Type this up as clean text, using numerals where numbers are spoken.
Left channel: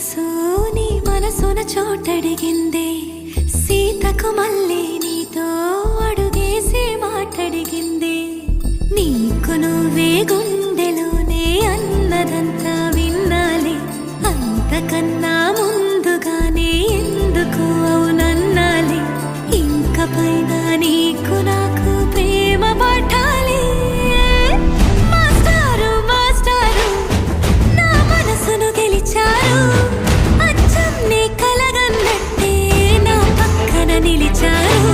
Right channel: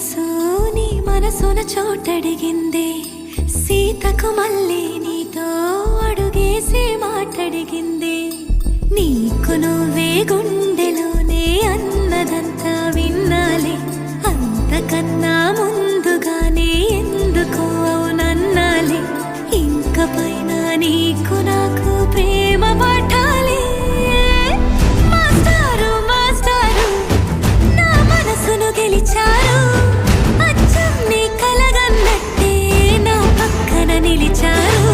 సొగసు నీ మనసున చోటడిగిందే, సీతకు మళ్ళీ నీతో అడుగేసి మాటడిగిందే. నీకు నువ్వే గుండెలోనే అన్నదంతా విన్నాలే, అంతకన్నా ముందుగానే ఎందుకు అవునన్నాలే. ఇంక పైన నీకు నాకు ప్రేమ పాఠాలే. మాస్టారు మాస్టారు నా మనసును గెలిచారు, అచ్చం నీ కలగన్నట్టే నా పక్కన నిలిచారు.